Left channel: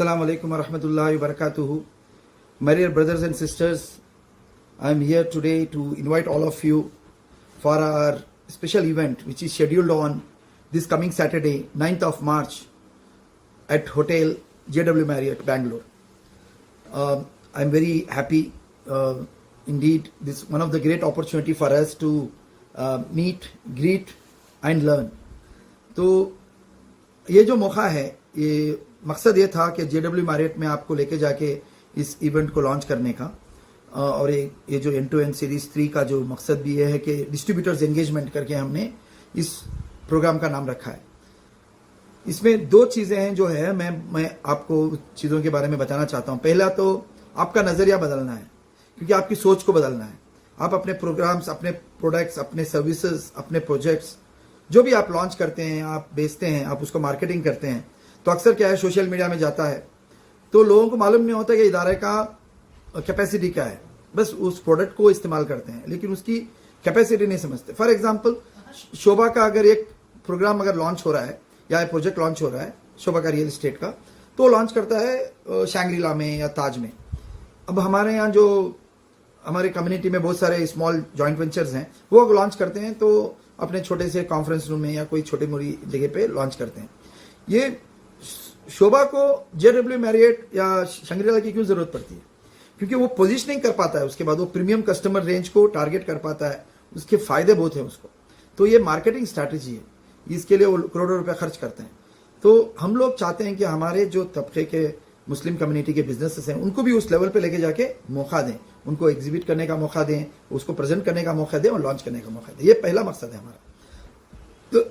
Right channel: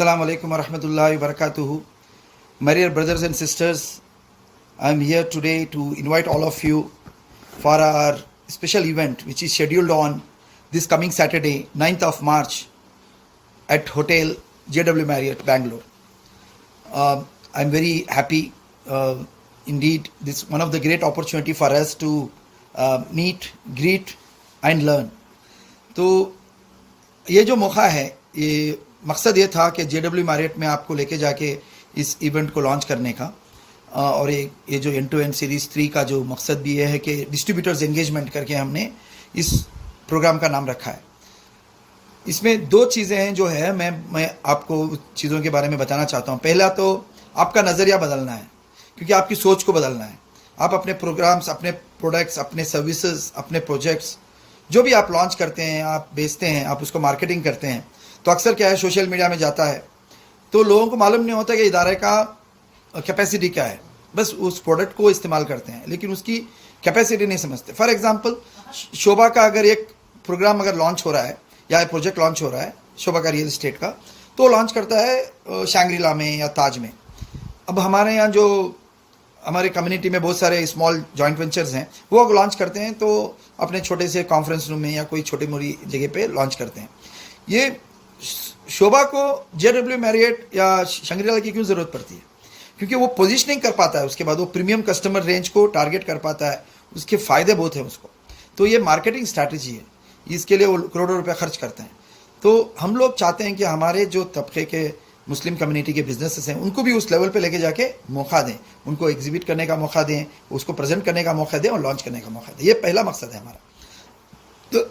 Assalamu alaikum wa rahmatullahi wa barakatuhu. My dear brothers and sisters, I am here today to invite all of you for our special event which is scheduled on this coming Saturday, 9th of March at Hotel JW Marriott, Bangalore. I am very happy. Indeed, this is one of the great opportunity for us to meet, greet and learn. तो ये जो मौका है, ये मकसद ये था कि JW मैरियट में आपको लेके जाके इस इवेंट को लॉन्च करने का, और ये जो एंड टू एंड सीरीज 3 का जो मकसद भी ये है कि डिस्ट्रीब्यूटर्स एंगेजमेंट करके हमने इस प्रोग्राम का नाम रखा है। इसमें 2 चीज़ें हैं जो है मैं आपको चीज़ों के बारे में बताना चाहता हूँ। पहला तो आपका नज़रिया बदलना है, क्योंकि आपकी सोच को बदलना है। आप अपने प्रोग्राम्स, अपने प्रोडक्ट्स, अपने सर्विसेज, अपने प्रोजेक्ट्स जो भी आप लॉन्च करते हैं, आप बेचते हैं, आप उसको मार्केटिंग करते हैं, तो अक्सर क्या है, सोशल मीडिया में जाता है तो लोगों को मालूम नहीं होता कि इदारे का कैपेसिटी क्या है। बस उस प्रोडक्ट को इस्तेमाल करते हैं लेकिन उसकी कैपेसिटी नहीं समझते। फॉर एग्जांपल, शोभा का अगर एक प्रोग्राम अगर लॉन्च हो रहा है या एक प्रोजेक्ट लॉन्च हो रहा है शोभा का रियल एस्टेट का, तो लॉन्च करता है शैंग्रीला में या ताज में। अब हमारे यहाँ जो हमारे कम्युनिटी में बहुत सारे स्मॉल जॉइंट वेंचर्स हैं, वो अगर लॉन्च करते हैं तो अपने छोटे से कॉन्फ्रेंस रूम में या कोई छोटी मोटी जगह पे लॉन्च करते हैं। ये शोभा को JW मैरियट या शंग्रीला की क्यों ज़रूरत पड़ती है? क्योंकि वो पोजीशनिंग कर पाता है, उसके बाद वो प्रीमियम कस्टमर रेंज को टारगेट कर पाता है, उसके फ़ायदे बहुत हैं उसको। तो ये मार्केटिंग स्ट्रैटेजी है, इसके लिए वो करोड़ों रुपए खर्च करते हैं। तो हम लोग चाहते हैं कि हमारे जो तबके के मुस्लिम कम्युनिटी के बिजनेसेस हैं उनको भी उस लेवल पे लेके जाके मौका दें, उनको एग्जिबिट करने का मौका दें, उसको प्रेजेंट करने का मौका दें और लॉन्च करने का मौका दें। ये पहला मकसद है हमारा। तो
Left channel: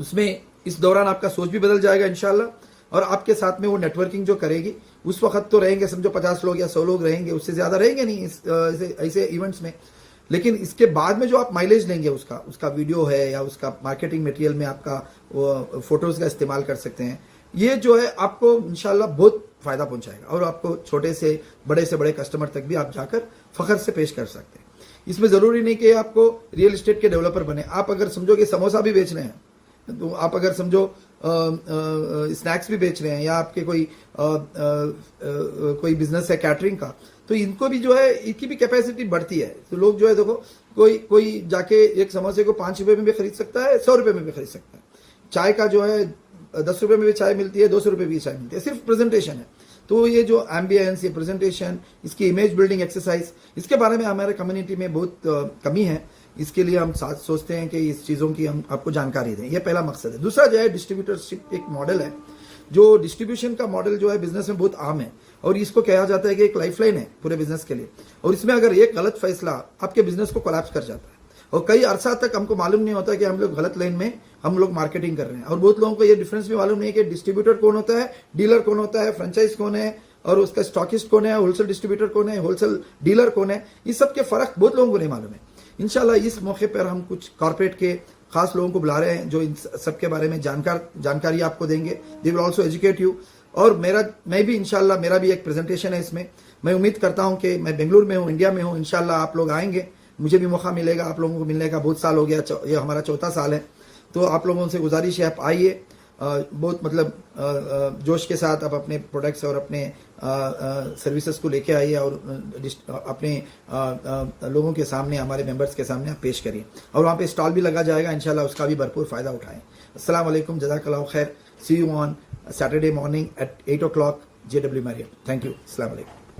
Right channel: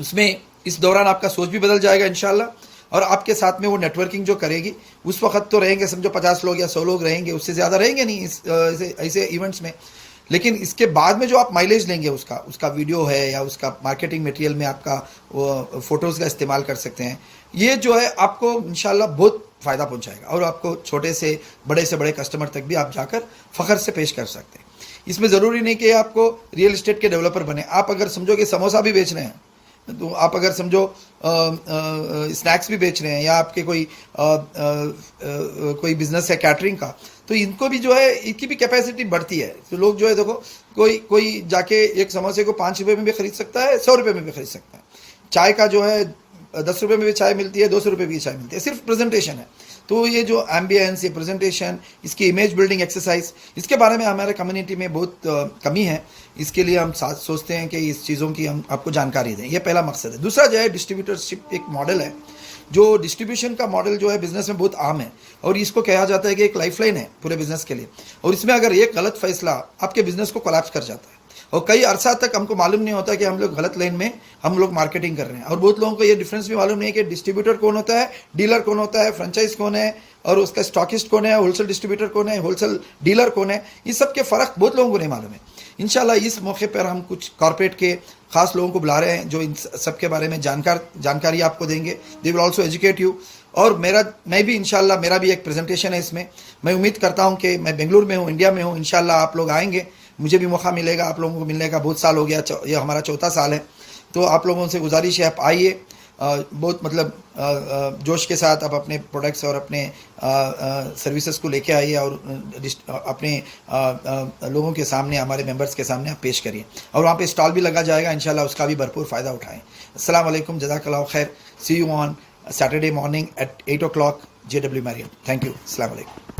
उसमें इस दौरान आपका सोच भी बदल जाएगा इंशाल्लाह, और आपके साथ में वो नेटवर्किंग जो करेगी, उस वक्त तो रहेंगे समझो 50 लोग या 100 लोग रहेंगे, उससे ज़्यादा रहेंगे नहीं ऐसे इवेंट्स में। लेकिन इसके बाद में जो आप माइलेज लेंगे उसका वीडियो है या उसका मार्केटिंग मटेरियल में आपका वो फोटोज़ का इस्तेमाल कर सकते हैं। ये जो है आपको इंशाल्लाह बहुत फ़ायदा पहुंचाएगा और आपको छोटे से बड़े कस्टमर तक भी आप जाकर फ़ख्र से पेश कर सकते हैं। इसमें ज़रूरी नहीं कि आपको रियल इस्टेट के डेवलपर बने। आप अगर समझो कि समोसा भी बेच रहे हैं, तो आप अगर समझो स्नैक्स भी बेच रहे हैं, या आपके कोई बिजनेस है कैटरिंग का, तो इनको भी जो है इनकी भी कैपेसिटी बढ़ती है। तो लोग जो है देखो, कोई जाके एक समोसे को 5 रुपये में भी खरीद सकता है, 100 रुपये में भी खरीद सकता है। चाय का जो है 10 रुपये में भी चाय मिलती है, 200 रुपये की चाय मिलती है, सिर्फ प्रेजेंटेशन है। तो ये जो एम्बियंस, ये प्रेजेंटेशन, इसकी इमेज बिल्डिंग एक्सरसाइज, इसके बारे में हमारे कम्युनिटी में बहुत कमी है। इसके लिए हम सोचते हैं कि इस चीज़ों की हम आपको जानकारी दें। ये पहला मकसद है। दूसरा जो है, डिस्ट्रीब्यूटरशिप एक मॉडल है, जो डिस्ट्रीब्यूशन का मॉडल जो है बिजनेस में बहुत आम है, और इसको कहा जाता है कि एक लाइफलाइन है पूरे बिजनेस के लिए। और इसमें अगर एक गलत फैसला आपके बिजनेस को कोलैप्स कर जाता है, और कई अरसा तक हमको मालूम नहीं होता कि हम लोग गलत लाइन में हम लोग मार्केटिंग कर रहे हैं। और बहुत लोगों को ये डिफरेंस भी मालूम नहीं है कि डिस्ट्रीब्यूटर कौन होता है, डीलर कौन होता है, फ्रेंचाइज कौन है, और उसका स्टॉकिस्ट कौन है, होलसेल डिस्ट्रीब्यूटर कौन है, होलसेल डीलर कौन है। इस सब के फ़र्क बहुत लोगों को नहीं मालूम है। इंशाल्लाह इस मौके पर हम कुछ कॉर्पोरेट के खास लोगों को बुला रहे हैं जो इन सब के बारे में जानकारी आपको देंगे। They will also educate you. और मैं भी इंशाल्लाह, मेरा भी एक प्रेजेंटेशन है इसमें। मैं उम्मीद करता हूँ कि मैं बेंगलुरु में हूँ, इंडिया में हूँ, इंशाल्लाह आप लोग आएंगे, मुझे भी मौका मिलेगा आप लोगों को मिलने का। बहुत साल हो गया, ये हमारा 4था साल है। तो आप लोगों से गुजारिश है, आप आइए, बहुत मतलब जोश के साथ आप अपने प्रोडक्ट्स और अपने सर्विसेज को लेके आइए, और अपने लोगों के सामने, हमारे मेंबर्स के सामने आप पेश करिए। और वहाँ पे स्टॉल भी लगा जाएगा, इंशाल्लाह उसका भी भरपूर फ़ायदा उठाएं। अस्सलाम वालेकुम, जज़ाकल्लाहु खैर। See you on Saturday morning at 8 o'clock JW Marriott. Thank you. Assalamu alaikum.